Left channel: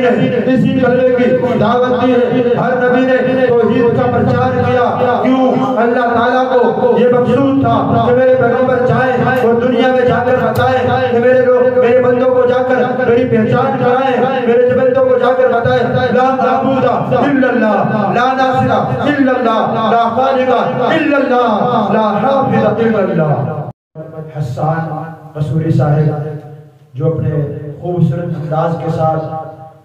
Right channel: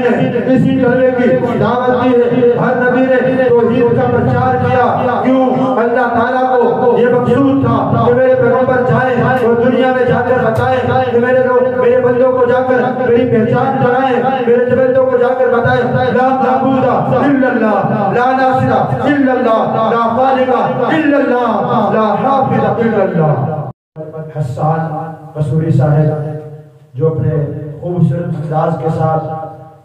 نبی نے اسی کلمے کی دعوت دی ہے، ہر نبی نے توحید کا پرچار کیا۔ کیوں؟ اللہ تعالیٰ کو یہ مقصود تھا کہ میرے پیغمبر جائیں اور دنیا میں جا کر بتائیں کہ میرے بندوں کو جا کر میری پہچان کرائیں، میرے بندوں کو جا کر بتائیں لا معبود الا اللہ، لا ناصر الا اللہ، لا خالق الا اللہ، لا حافظ الا اللہ۔ حسان مسعودی صاحب جو اپنے خوبصورت انداز کے ساتھ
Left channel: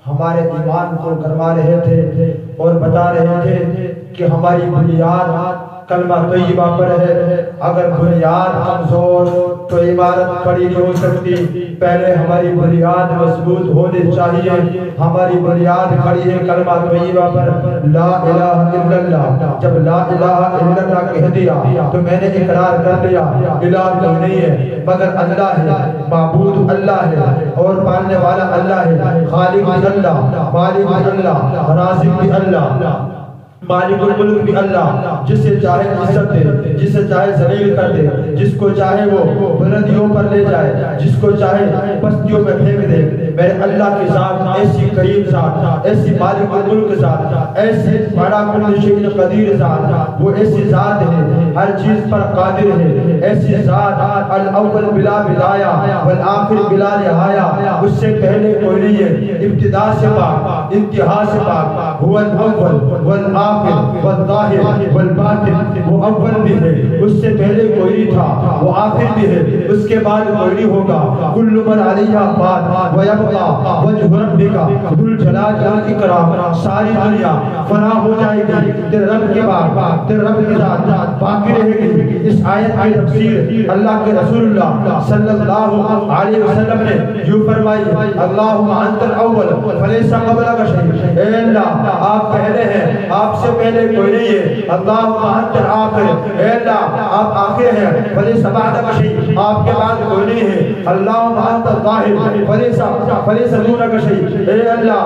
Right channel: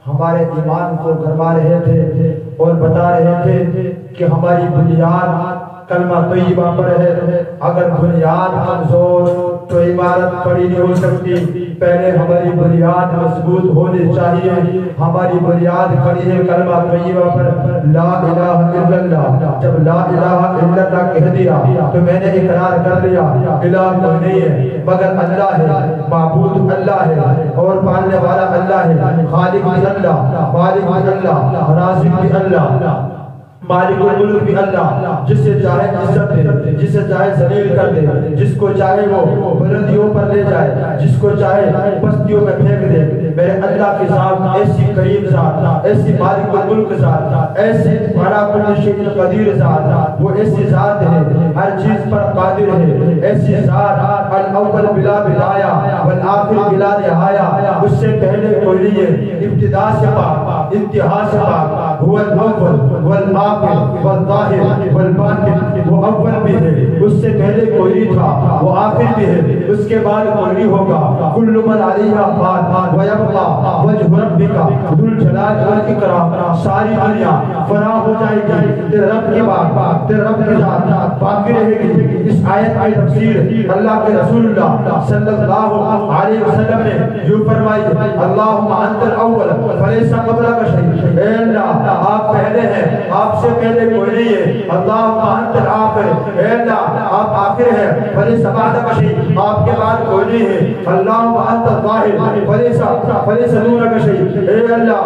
ہمارے ایمان کو گرما رہے تھے اور بتا رہے تھے کہ ہماری بنیاد کلمہ طیبہ پر ہے، اگر بنیاد کمزور تو عمارت کھڑی نہیں ہو سکتی، پہلے ہماری بنیاد مضبوط ہونی چاہیے۔ ہماری بنیاد کھڑی ہے کلمہ طیبہ پر، لا الہ الا اللہ۔ جب لا الہ الا اللہ کہہ دیا تو میں نے اقرار کر لیا الہ کوئی نہیں ہے مگر اللہ ہے، معبود اللہ ہے اور پالنے والا اللہ ہے، خالق بھی اللہ، مالک بھی اللہ، رازق بھی اللہ، مالک الملک بھی اللہ، جس سے چاہے عزت دے، جس سے چاہے ذلیل کر دے، جس کو چاہے وہ بلندیوں پر لے جائے، جس کو چاہے بستیوں میں پھینک دے۔ میرے اللہ کے ساتھ ایسی کریم ذات، ایسی مالک الملک ذات، ایسی بڑا کل شیء قدیر ذات، وہ ایسی ذات ہے ہر چیز پر قادر ہے، ایسی ذات الاول بلا بدایا والآخر بلا نہایا، اس سے پہلے کوئی نہیں ہے، ابتدا سے پاک انتہا سے پاک، هو الاول والآخر والظاہر والباطن، وہ اول بھی ہے، اس سے پہلے کوئی نہیں تھا، وہ آخر بھی ہے، اس کے بعد کوئی نہیں ہوگا۔ کل من علیہا فان ویبقی وجہ ربک ذو الجلال والاکرام، ساری دنیا فنا ہو جائے گی، تیرے رب کے بعد تیرے رب کے ذات باقی رہے گی۔ اس آیت کی تفسیر اللہ کے رسول اللہ صلی اللہ علیہ وسلم نے یوں فرمائی، اللہم انت الاول فلیس قبلک شیء، اے اللہ آپ پہلے ہیں، آپ سے پہلے کوئی نہیں ہے۔ اللہم انت الآخر، اے اللہ آپ آخر ہیں، فلیس بعدک شیء، آپ کے بعد کوئی نہیں ہے۔ اللہم انت الظاہر فلیس دونک شیء، اے اللہ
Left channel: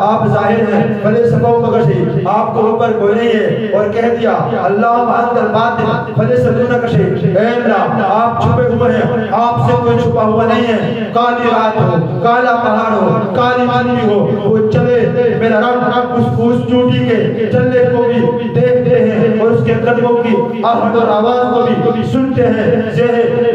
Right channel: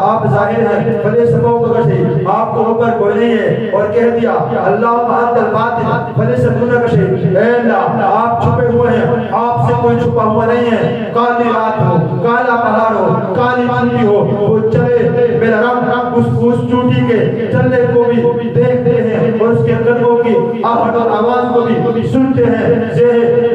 آپ ظاہر ہیں، فلیس فوقک شیء، آپ کو اوپر کوئی نہیں ہے۔ اور کہہ دیا اللہم انت الباطن فلیس دونک شیء، اے اللہ آپ چھپے ہوئے ہیں، آپ سے کوئی چھپا ہوا نہیں ہے۔ کالی رات ہو، کالا پہاڑ ہو، کالی چوٹی ہو، وہ چلے میرا رب اس چوٹی کے چلنے کو بھی دیکھتے ہیں اور اس کے قدموں کی آہٹ اور آواز کو بھی سنتے ہیں۔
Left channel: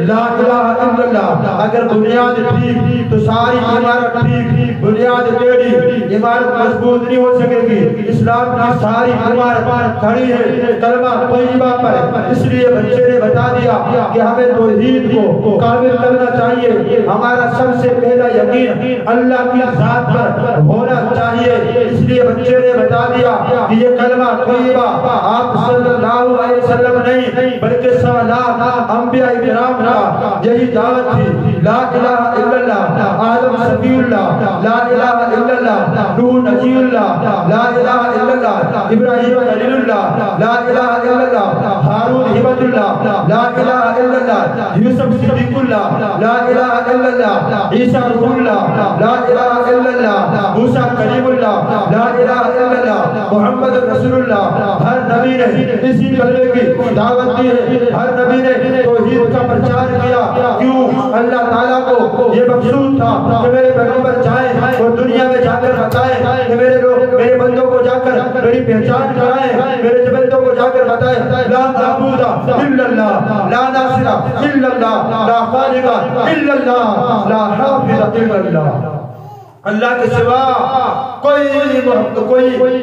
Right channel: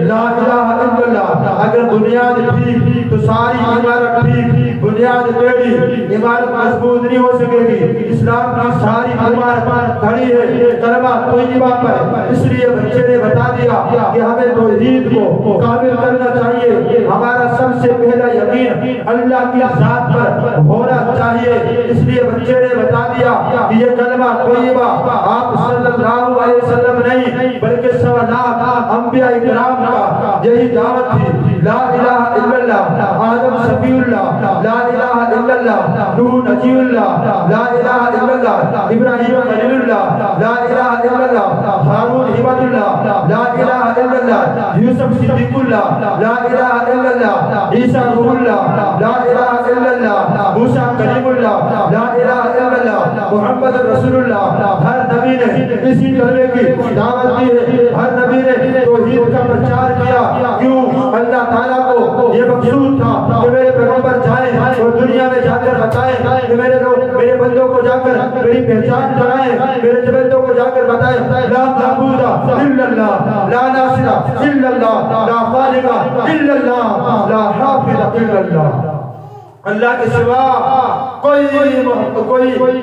لا الہ الا اللہ، اگر بنیاد ٹھیک تو ساری عمارت ٹھیک، بنیاد ٹیڑھی عمارت مضبوط نہیں ہو سکے گی۔ اسلام کی ساری عمارت کھڑی ہے کلمہ طیبہ پر، اس لیے بچے نے بتا دیا کہ ہمیں توحید کو کامل کرنا چاہیے، ہمارا سب سے پہلا یقین اللہ کی ذات پر ہونا چاہیے۔ اس لیے بچے نے بتا دیا کہ یہ کلمہ طیبہ آپ صلی اللہ علیہ وسلم نہیں بلکہ سوالات انبیاء کرام کا یہی دعوت تھی۔ لا الہ الا اللہ، آدم صفی اللہ، لا الہ الا اللہ، نوح نجی اللہ، لا الہ الا اللہ، ابراہیم خلیل اللہ، لا الہ الا اللہ، ہارون حبت اللہ، لا الہ الا اللہ، یوسف صدیق اللہ، لا الہ الا اللہ، عیسیٰ روح اللہ، لا الہ الا اللہ، موسیٰ کلیم اللہ، لا الہ الا اللہ، محمد رسول اللہ۔ ہر نبی نے اسی کلمے کی دعوت دی ہے، ہر نبی نے توحید کا پرچار کیا۔ کیوں؟ اللہ تعالیٰ کو یہ مقصود تھا کہ میرے پیغمبر جائیں اور دنیا میں جا کر بتائیں کہ میرے بندوں کو جا کر میری پہچان کرائیں، میرے بندوں کو جا کر بتائیں لا معبود الا اللہ، لا ناصر الا اللہ، لا خالق الا اللہ، لا حافظ الا اللہ۔ اللہ کے سوا کوئی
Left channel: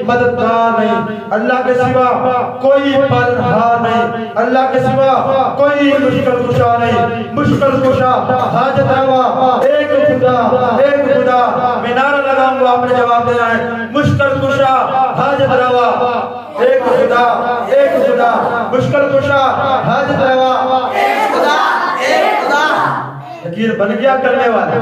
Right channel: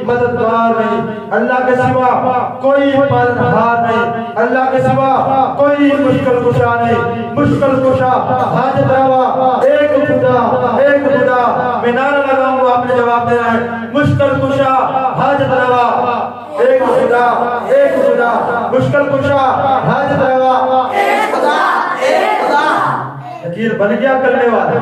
مددگار نہیں، اللہ کے سوا کوئی پالنہار نہیں، اللہ کے سوا کوئی مشکل کشا نہیں۔ مشکل کشا حاجت روا ایک خدا، میں نعرہ لگاؤں گا آپ نے جواب دینا ہے۔ مشکل کشا حاجت روا ایک خدا، مشکل کشا حاجت روا ایک خدا۔ یقین بن گیا کرنے والے،